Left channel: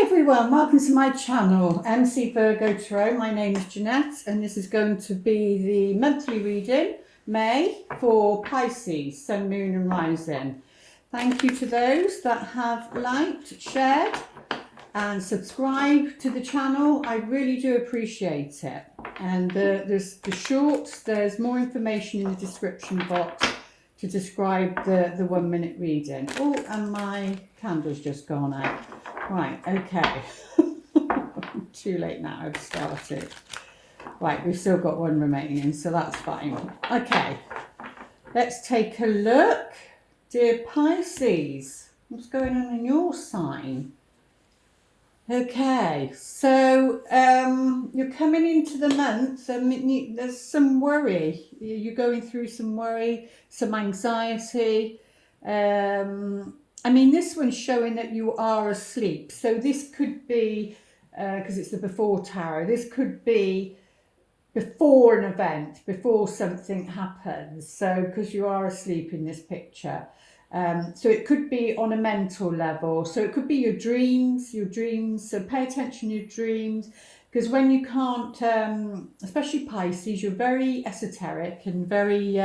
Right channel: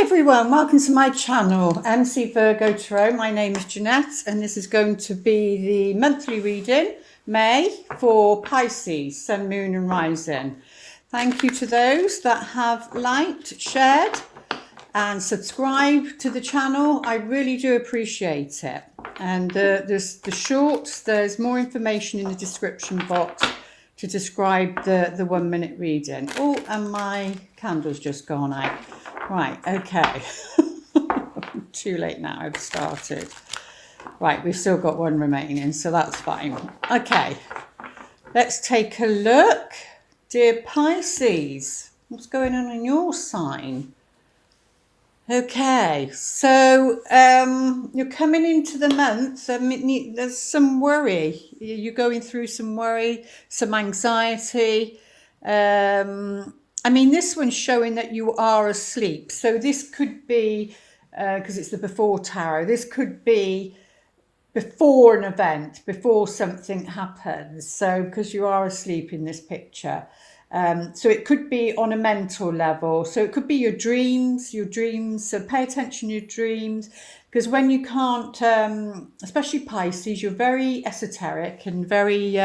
Everyone, welcome to my channel, MC Virgo Tarot. My name is Jeanette and this is going to be the monthly reading, May, for Pisces, Sun, Moon and Rising. Thank you to those that have liked, shared and subscribed to the channel. I really do appreciate it. And there's the shorts, there's more information in the description box to describe the 1 minute reading. Oh, and my candle's just gone out. Right, okay. Too late now, I've started. Right, we've still got one remaining, so that's fine. Okay, let's take a look. Dear Pisces, what's going on in your sign? Okay, so you're coming into the month. There's some worry. You're going through some worry, some anxiety. I mean, this one's showing that you are asleep. So this could be, because it's the before tarot, this could be before an event, before something happens. So because you are asleep in this picture. So it could be on a mental level. So it could be your dreams. So pay attention to your dreams. Because when you can't, especially Pisces, you're very esoteric and very...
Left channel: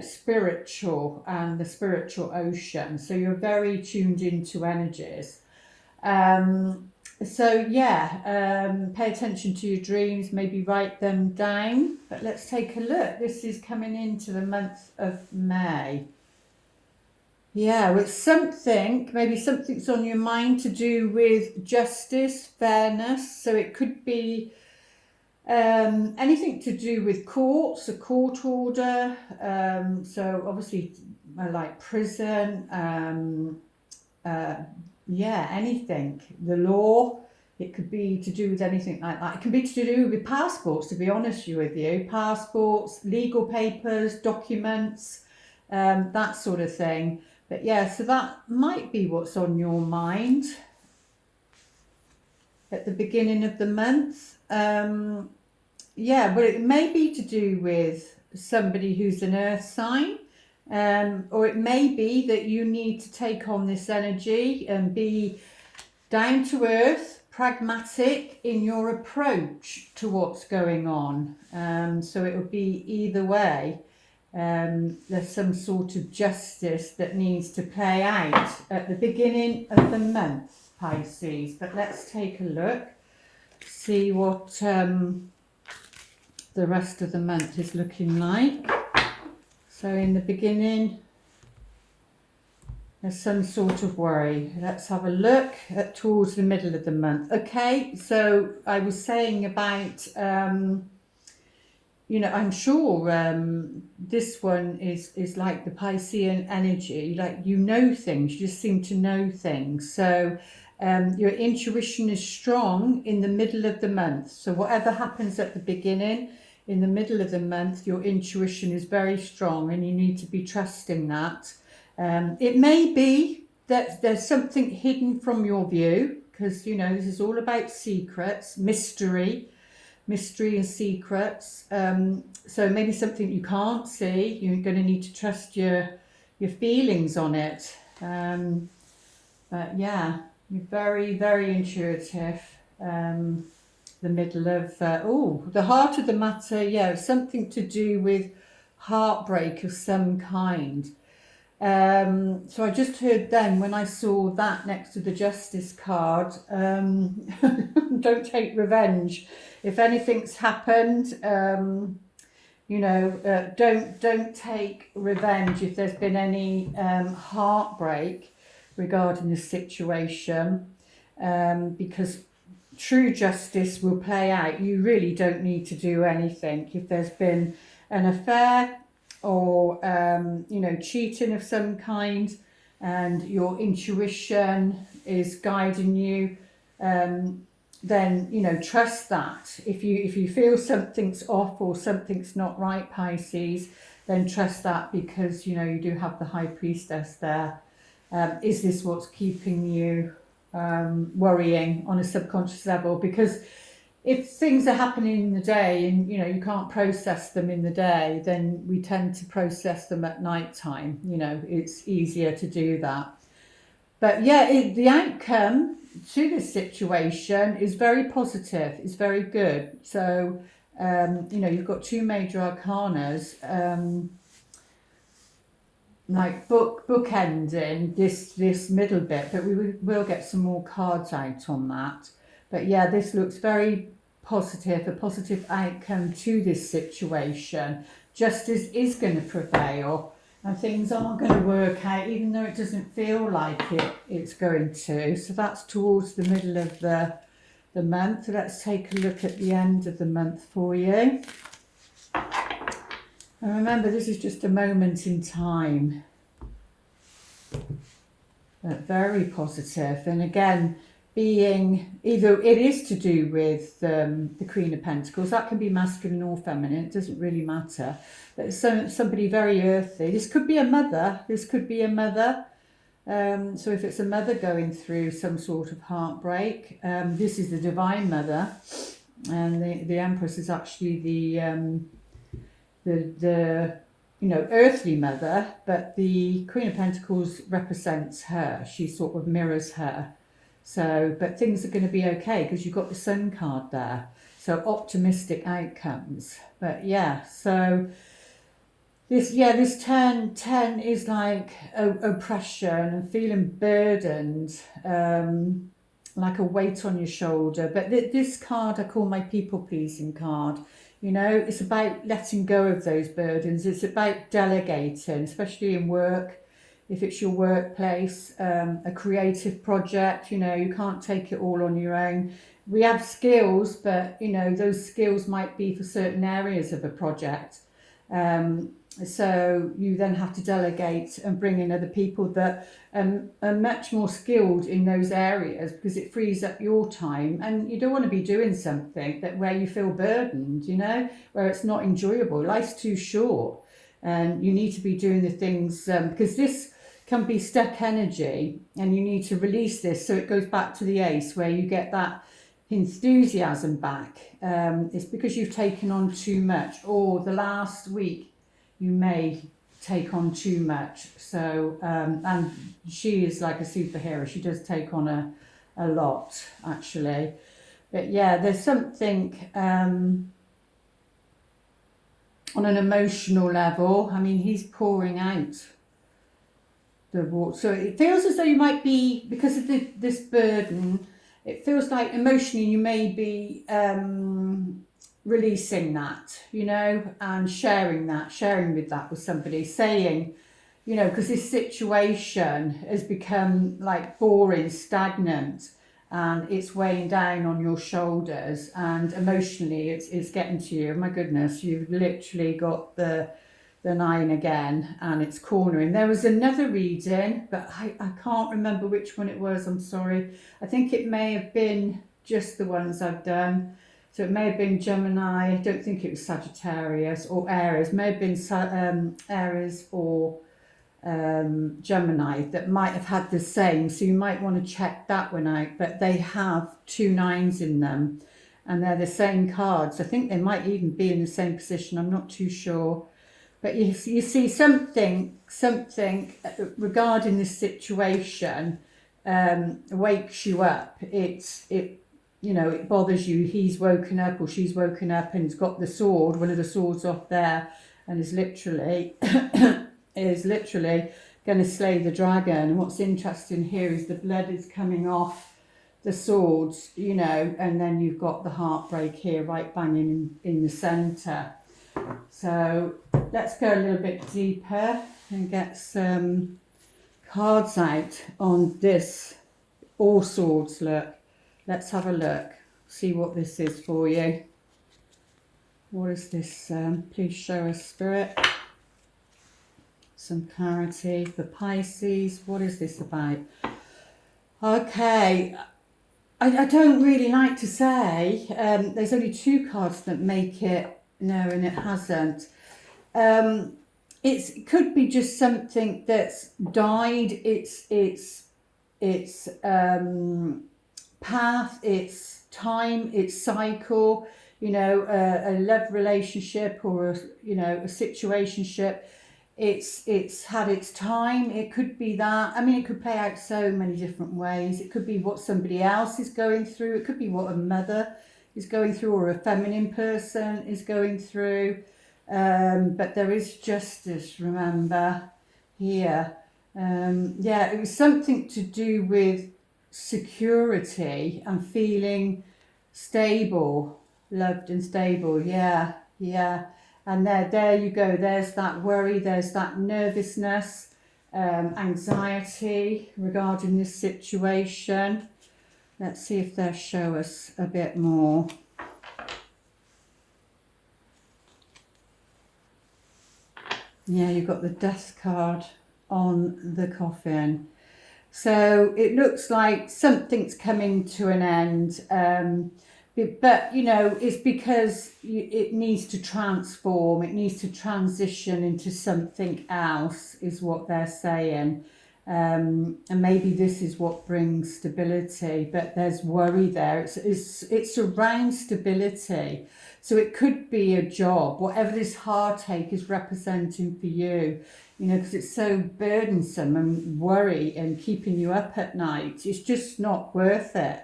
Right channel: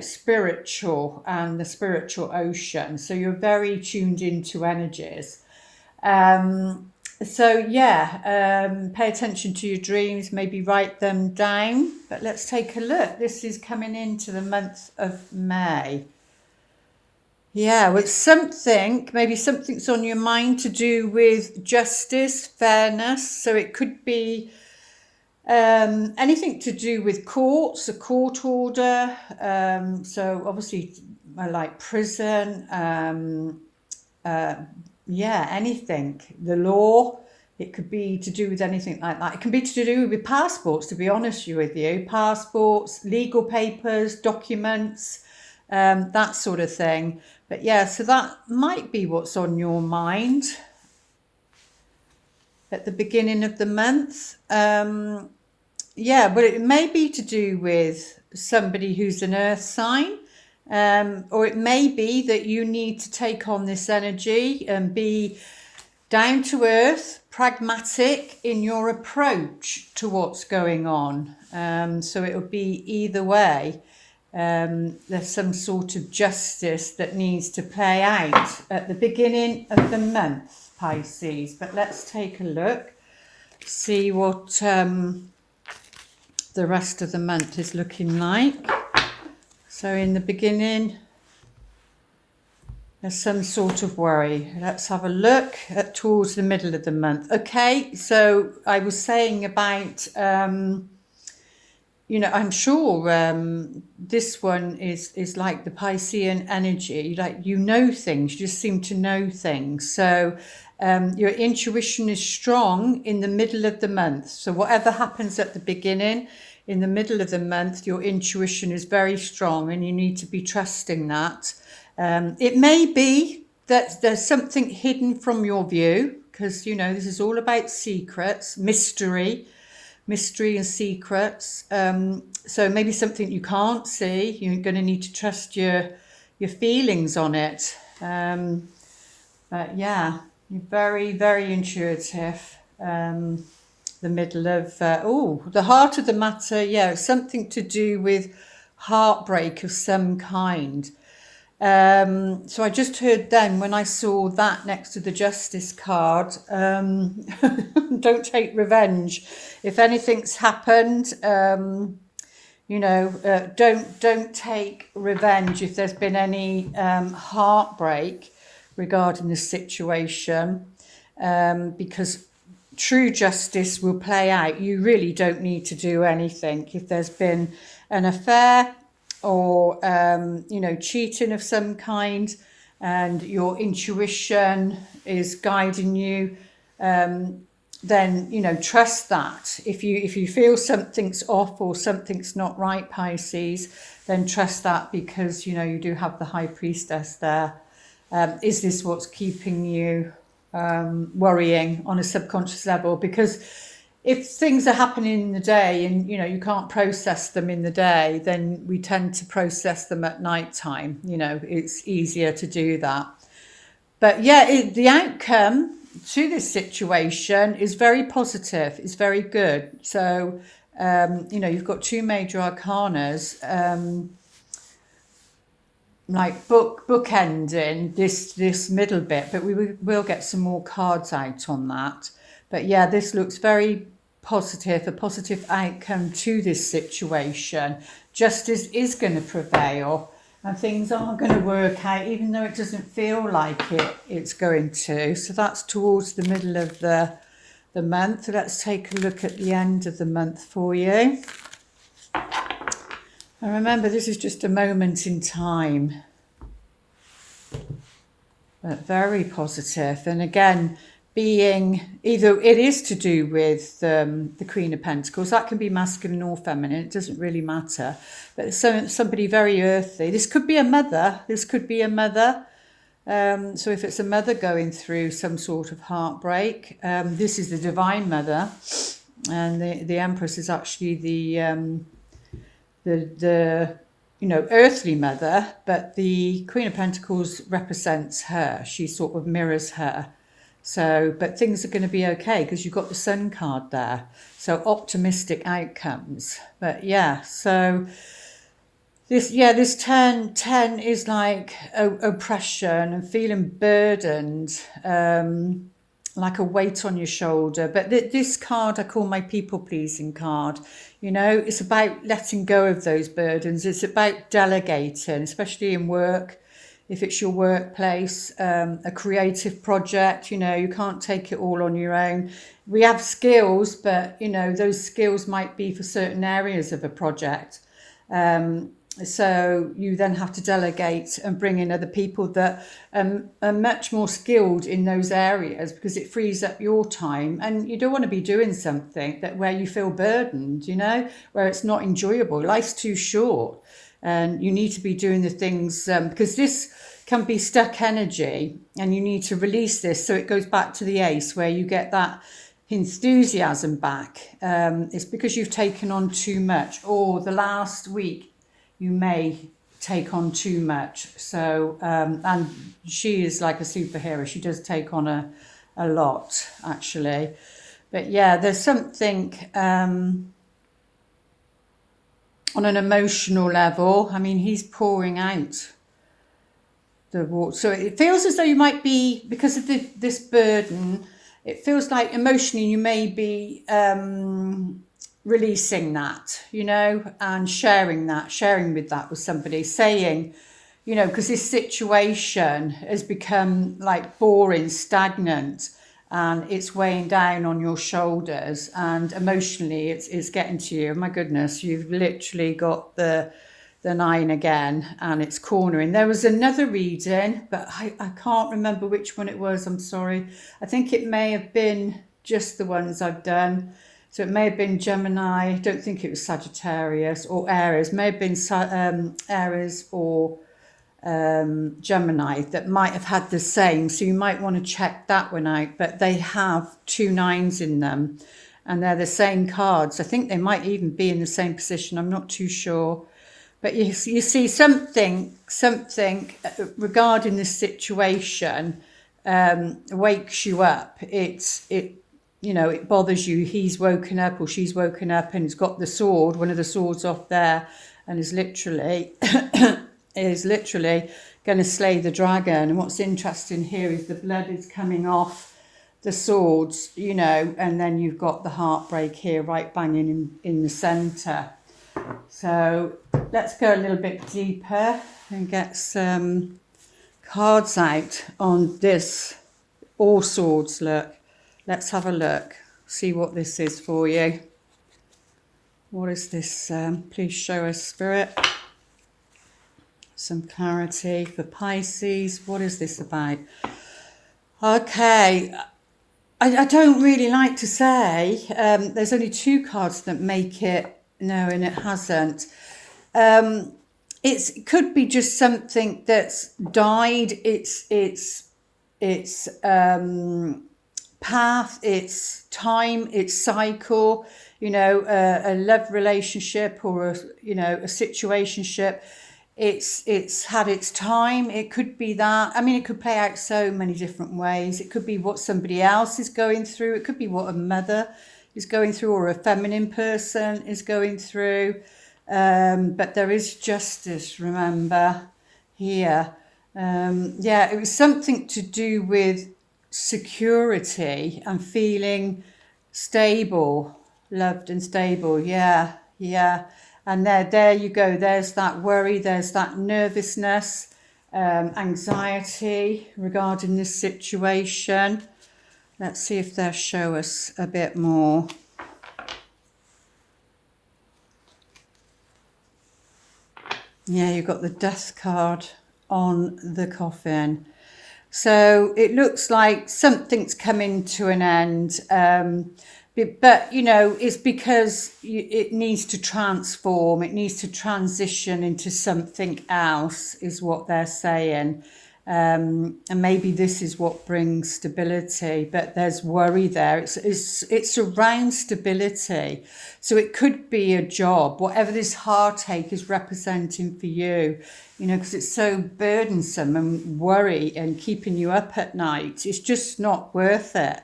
spiritual and the spiritual ocean. So you're very tuned into energies. Pay attention to your dreams, maybe write them down. But let's take a look. This is coming into the month of May. Yeah, well, it's maybe something's on your mind to do with justice, fairness. So it could be anything to do with courts, a court order, so obviously like prison, anything, the law. It could be to do with anything like that. It can be to do with passports, to be honest with you, passports, legal papers, documents, that sort of thing. But yeah, so that might be what's on your mind at the beginning of the month. But it may be to do with somebody who's an earth sign, or it may be that you need to take on this energy and be down to earth, pragmatic in your approach to what's going on. So it will be either way. There's some sort of justice that needs to play out at the beginning of the month, Pisces. But let's take a look, see what the rest of the month is looking like. So in the beginning, there's some sort of worry. Let's have a look towards the middle of the month. Okay, so I was saying about, I'm sure this one is like the Piscean energy, like you know things, you just seem to know things. So your intuition is strong in the middle of the month. So whatever happens at the beginning, in the middle of the month, your intuition is very strong and you need to be trusting that. It may be that there's something hidden from your view, because, this is all about secrets, mystery and secrets. So maybe something you can't see, you're going to need to trust your feelings on it. But yeah, you're very, very intuitive. The middle of, the heart of the matter, something to do with heartbreak of some kind. So I just heard then when I saw that next to the justice card, don't take revenge. If anything's happened, don't take revenge if there's been any heartbreak regarding the situation, because true justice will play out. You really don't need to do anything. If there's been an affair or, cheating of some kind and your intuition is guiding you, then, trust that. If you feel something's off or something's not right, Pisces, then trust that, because, you do have the High Priestess there. Is this what's keeping you worrying on a subconscious level? Because if things are happening in the day and you can't process them in the day, then we tend to process them at night time. It's easier to do that. But yeah, the outcome to this situation is very positive. It's very good. So, you've got two major arcanas, like bookending this middle bit, but we will get some more cards out on that. But yeah, this looks very positive, a positive outcome to this situation. Justice is going to prevail and things are going to work out, even though it doesn't feel like it's going to. So that's towards the middle of the month. Let's take a look at the end of the month for you. And remember, this is just a moment in time, but very positive. And again, being either it is to do with the Queen of Pentacles, that can be masculine or feminine, it doesn't really matter. But somebody very earthy. This could be a mother. This could be a mother. So if it's a mother going through some sort of heartbreak, this is the Divine Mother, and the Empress is actually the earthly mother, but the Queen of Pentacles represents her. She sort of mirrors her. So, but things are going to be okay because you've got the Sun card there. So optimistic outcomes. But yeah, so this 10 is like oppression and feeling burdened, like a weight on your shoulder. But this card I call my people pleasing card. It's about letting go of those burdens. It's about delegating, especially in work. If it's your workplace, a creative project, you can't take it all on your own. We have skills, but, those skills might be for certain areas of a project. So you then have to delegate and bring in other people that are much more skilled in those areas, because it frees up your time. And you don't want to be doing something where you feel burdened, where it's not enjoyable. Life's too short, and you need to be doing the things because this can be stuck energy, and you need to release this. So it goes back to the Ace, where you get that enthusiasm back. It's because you've taken on too much, or the last week you may take on too much. So, and she is like a superhero. She does take on a lot, actually. But yeah, there's something on an emotional level. I mean, he's pouring out the water. So it feels as though you might be, because of this burden, it feels like emotionally you may be releasing that, and sharing with that with somebody, saying, because this situation has become like boring, stagnant, and it's weighing down on your shoulders, and emotionally it's getting to you. My goodness, you've literally got the 9 again, and it's cornering. There was another reading, but I can't remember which one it was. I'm sorry. I think it may have been just the ones I've done. So it may have been Gemini. I don't think it was Sagittarius or Aries. It may have been Aries or Gemini that might have had the same. So you might want to check that one out. But they have 2 9s in them, and they're the same cards. I think they might even be in the same position. I'm not too sure. But you see something regarding this situation wakes you up. It bothers you. He's woken up or she's woken up and has got the sword, one of the swords off there, and is literally going to slay the dragon. And what's interesting here is the blood is coming off the swords, and then you've got the heartbreak here right banging in the centre. So let's go a little bit deeper and get some cards out on this All Swords look. Let's have a look, see what this is for you. What is this? Please show us, Spirit. Some clarity for Pisces. What is this about? Okay. I don't really like to say. There's only 2 cards that make it. No, and it hasn't. It could be just something that's died. It's path, its time, its cycle. A love relationship or a situationship. it's had its time. It could be that. I mean, it could play out so many different ways. It could be what somebody else is going through. It could be what a mother is going through, or a feminine person is going through. But there is justice, remember, here. Yeah, it was something to do with security and feeling stable, loved and stable. Yeah, yeah. And there you go. There's that worry. There's that nervousness, anxiety regarding this situation. Let's see if they'll show us a bit more. Yeah, you've got the death card on the coffin. So it looks like something's coming to an end. But, you know, it's because it needs to transform. It needs to transition into something else, is what they're saying. And maybe this is what brings stability, but there's worry there. It's around stability. So it could be a job, whatever this heartache is representing for you, you know, because it's so burdensome and worry and keeping you up at night. It's just not worth it.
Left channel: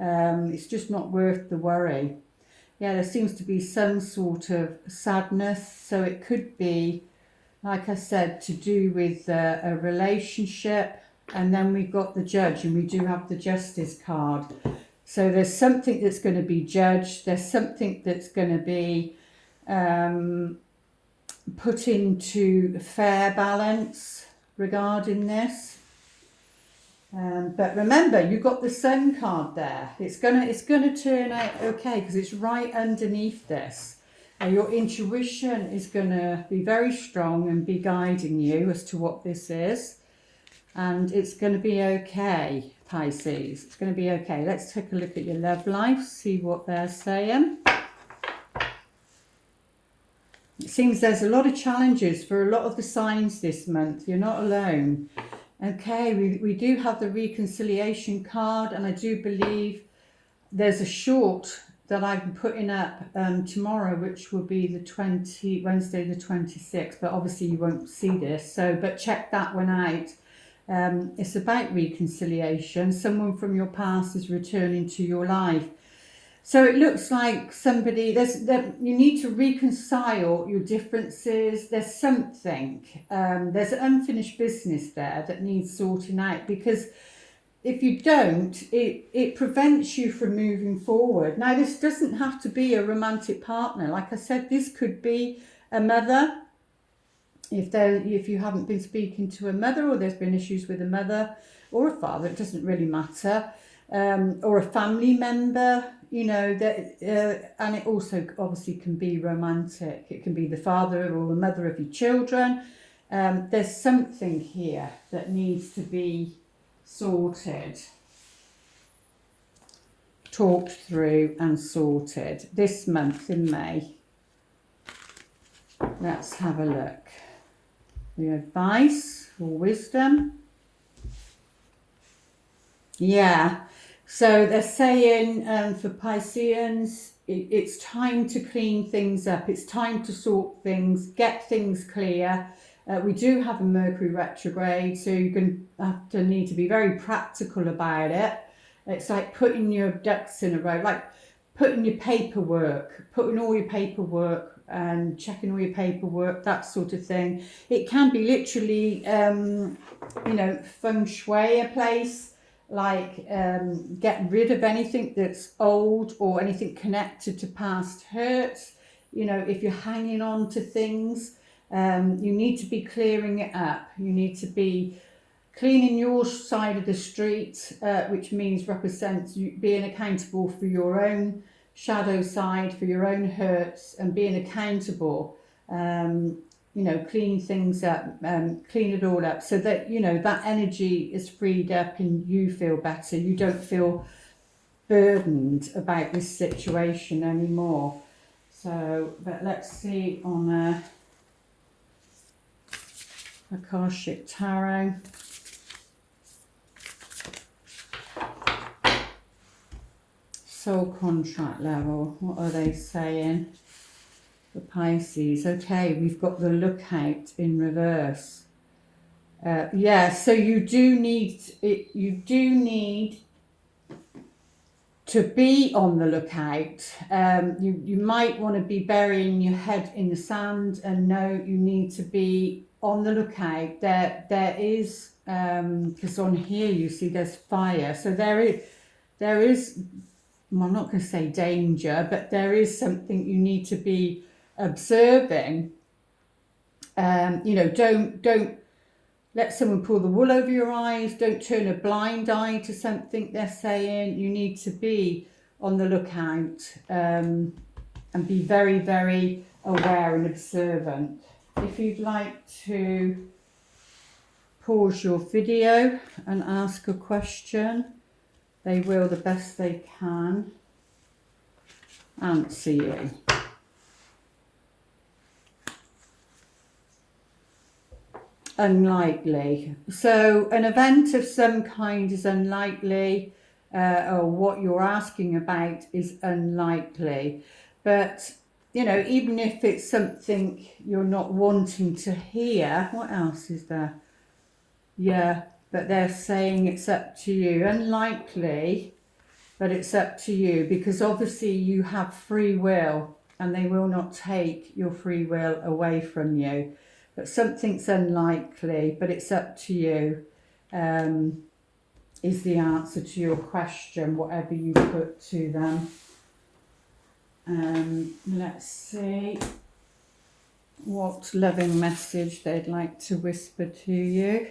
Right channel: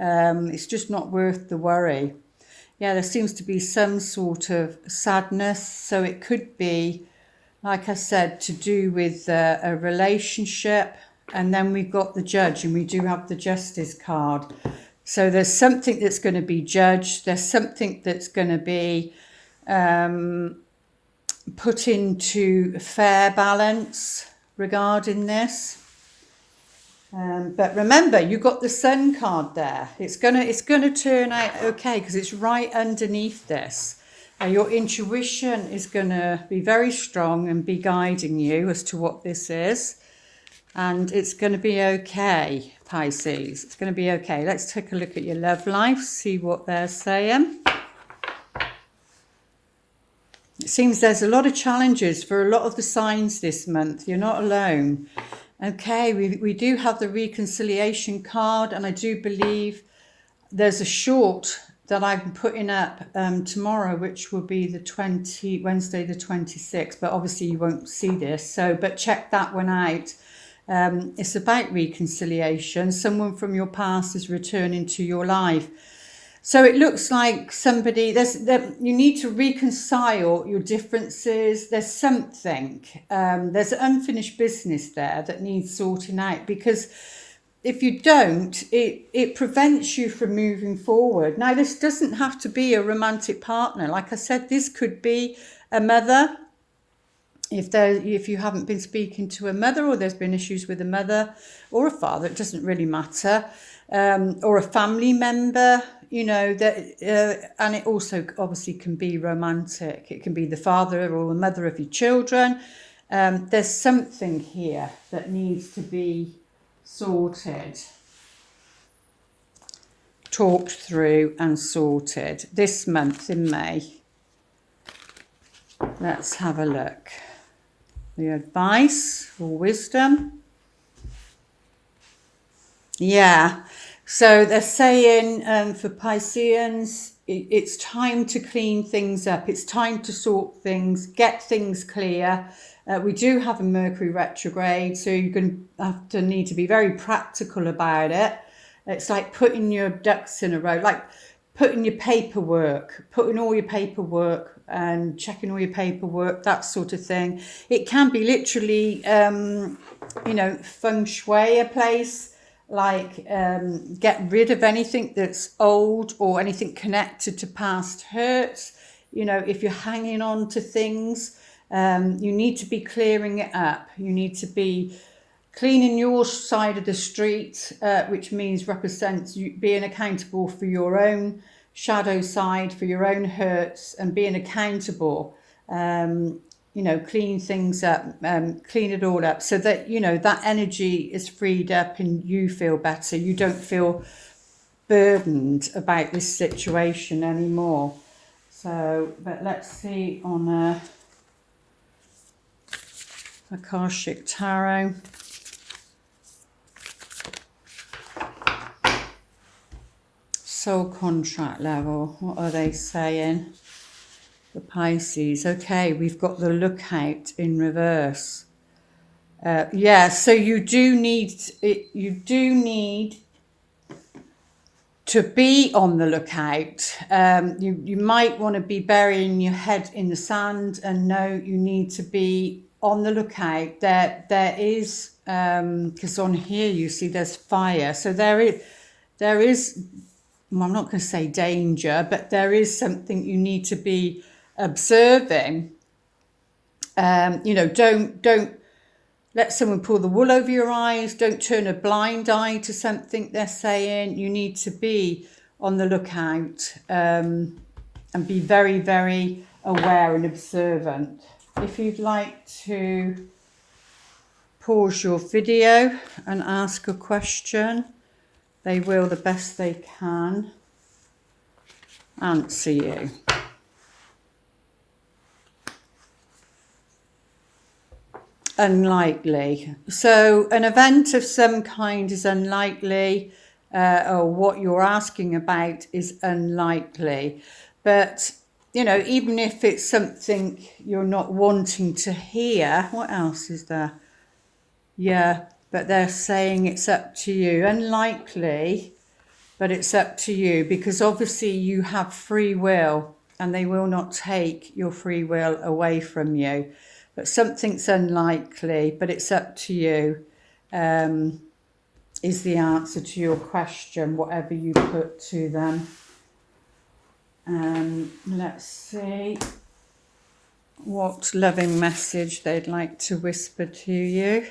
It's just not worth the worry. Yeah, there seems to be some sort of sadness. So it could be, like I said, to do with a relationship. And then we've got the judge, and we do have the justice card. So there's something that's going to be judged. There's something that's going to be put into fair balance regarding this. But remember, you got the Sun card there. It's gonna turn out okay, because it's right underneath this. Your intuition is gonna be very strong and be guiding you as to what this is, and it's gonna be okay, Pisces. It's gonna be okay. Let's take a look at your love life, see what they're saying. It seems there's a lot of challenges for a lot of the signs this month. You're not alone. Okay, we do have the reconciliation card, and I do believe there's a short that I'm putting up tomorrow, which will be Wednesday the 26th, but obviously you won't see this, but check that one out. It's about reconciliation. Someone from your past is returning to your life. So it looks like somebody, you need to reconcile your differences. There's something, there's unfinished business there that needs sorting out, because if you don't, it prevents you from moving forward. Now, this doesn't have to be a romantic partner. Like I said, this could be a mother. If you haven't been speaking to a mother, or there's been issues with a mother or a father, it doesn't really matter. Or a family member, you know, and it also obviously can be romantic. It can be the father or the mother of your children. There's something here that needs to be sorted, talked through and sorted this month in May. Let's have a look. The advice or wisdom. Yeah, so they're saying for Pisceans, it's time to clean things up. It's time to sort things, get things clear. We do have a Mercury retrograde, so you're going to have to need to be very practical about it. It's like putting your ducks in a row, like putting all your paperwork and checking all your paperwork, that sort of thing. It can be literally, you know, feng shui a place. Like get rid of anything that's old or anything connected to past hurts. You know, if you're hanging on to things, you need to be clearing it up. You need to be cleaning your side of the street, which represents you being accountable for your own shadow side, for your own hurts, and being accountable. You know, clean things up, clean it all up, so that, you know, that energy is freed up and you feel better. You don't feel burdened about this situation anymore. So, but let's see on Akashic Tarot. Soul contract level, what are they saying? for Pisces. Okay, we've got the lookout in reverse. Yeah, so you do need to be on the lookout. You might want to be burying your head in the sand and know you need to be on the lookout. There is, because on here you see there's fire, so there is. Well, I'm not going to say danger, but there is something you need to be observing. Don't let someone pull the wool over your eyes. Don't turn a blind eye to something they're saying. You need to be on the lookout and be very, very aware and observant. If you'd like to pause your video and ask a question, they will, the best they can, answer you. Unlikely. So an event of some kind is unlikely, or what you're asking about is unlikely. But, even if it's something you're not wanting to hear, what else is there? Yeah, but they're saying it's up to you. Unlikely, but it's up to you, because obviously you have free will and they will not take your free will away from you. But something's unlikely, but it's up to you, is the answer to your question, whatever you put to them. Let's see what loving message they'd like to whisper to you.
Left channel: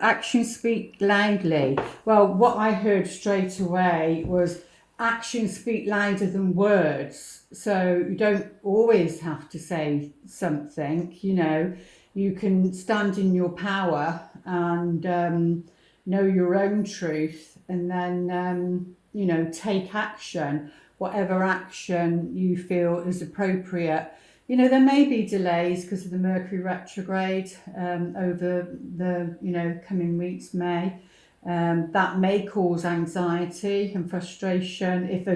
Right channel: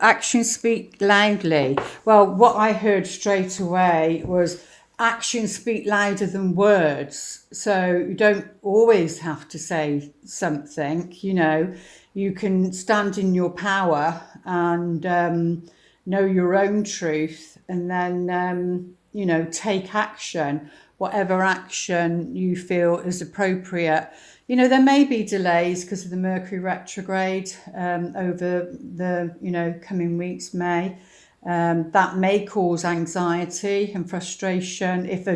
Actions speak loudly. Well, what I heard straight away was actions speak louder than words. So you don't always have to say something, you can stand in your power and know your own truth, and then, take action, whatever action you feel is appropriate. There may be delays because of the Mercury retrograde over the, coming weeks, May. That may cause anxiety and frustration if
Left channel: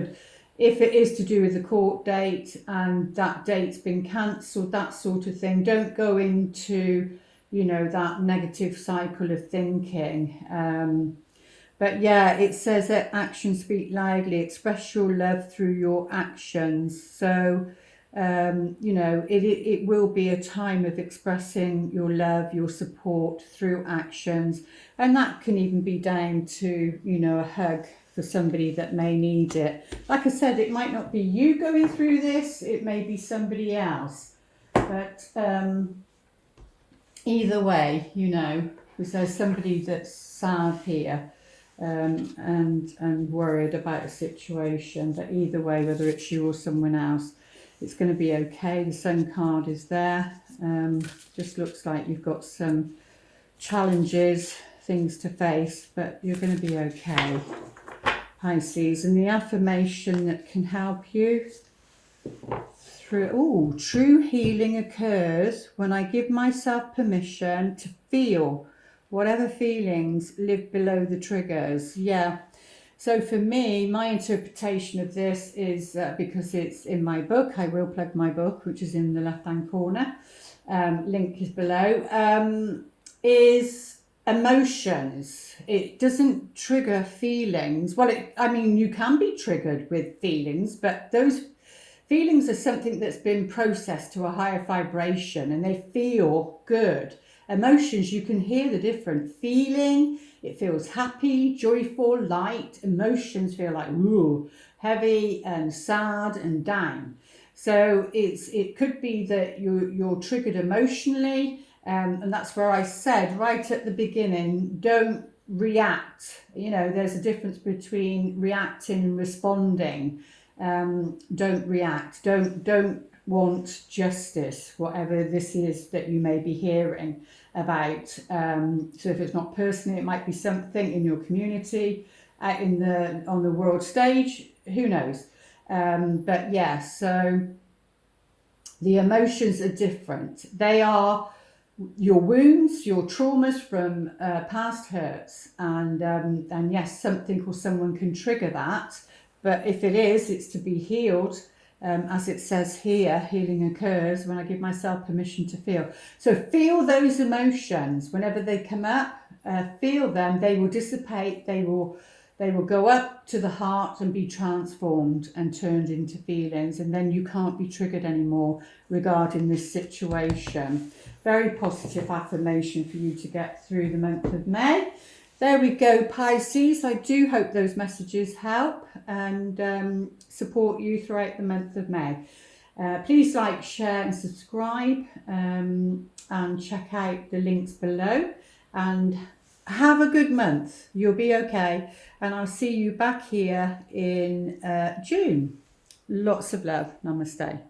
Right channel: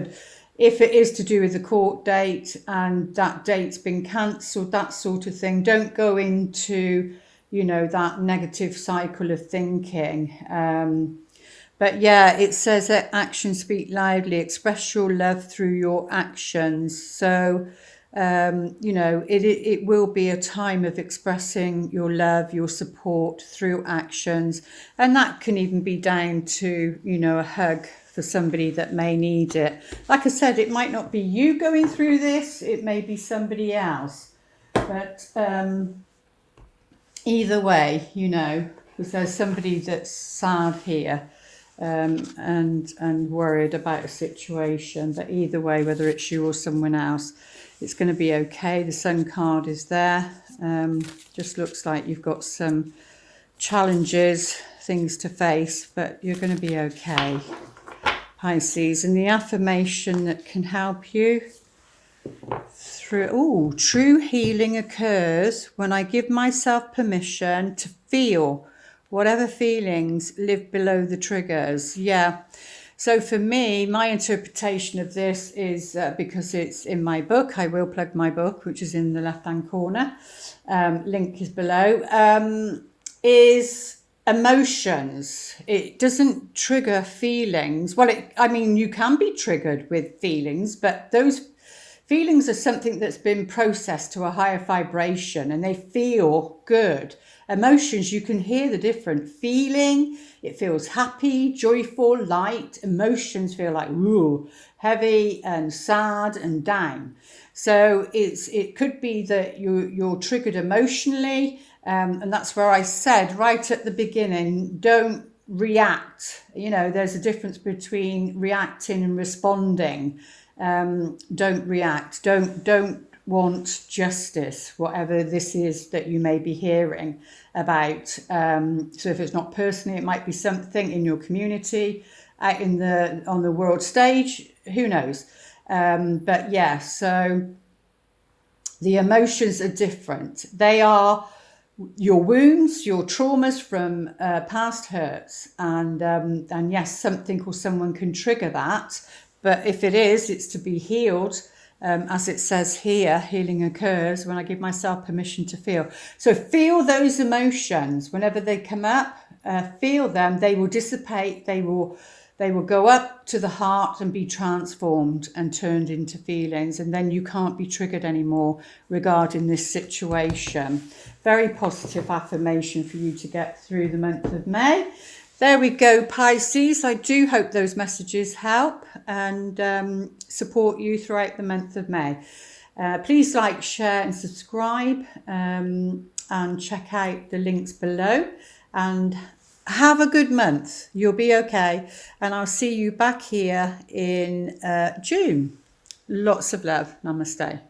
it is to do with the court date and that date's been cancelled, that sort of thing. Don't go into, that negative cycle of thinking. But yeah, it says that actions speak loudly. Express your love through your actions. So, it will be a time of expressing your love, your support through actions. And that can even be down to, a hug for somebody that may need it. Like I said, it might not be you going through this, it may be somebody else. But either way, because there's somebody that's sad here. And worried about a situation, but either way, whether it's you or someone else, it's going to be okay. The Sun card is there. Just looks like you've got some challenges, things to face, but you're going to be okay, Pisces. And the affirmation that can help you through, true healing occurs when I give myself permission to feel whatever feelings live below the triggers. Yeah. So for me, my interpretation of this is, because it's in my book, I will plug my book, which is in the left-hand corner, link is below, is emotions. It doesn't trigger feelings. Well, you can be triggered with feelings, but those feelings are something that's been processed to a higher vibration and they feel good. Emotions, you can hear the different feeling. It feels happy, joyful, light. Emotions feel like heavy and sad and down. So it could be that you're triggered emotionally, and that's where I said right at the beginning, don't react. There's a difference between reacting and responding. Don't react. Don't want justice, whatever this is that you may be hearing about. So if it's not personally, it might be something in your community, out on the world stage, who knows. But yeah, so the emotions are different. They are your wounds, your traumas from past hurts, and yes, something or someone can trigger that. But if it is, it's to be healed. As it says here, healing occurs when I give myself permission to feel. So feel those emotions whenever they come up. Feel them. They will dissipate. They will go up to the heart and be transformed and turned into feelings, and then you can't be triggered anymore regarding this situation. Very positive affirmation for you to get through the month of May. There we go, Pisces. I do hope those messages help and support you throughout the month of May. Please like, share and subscribe, and check out the links below. And have a good month. You'll be okay. And I'll see you back here in June. Lots of love. Namaste.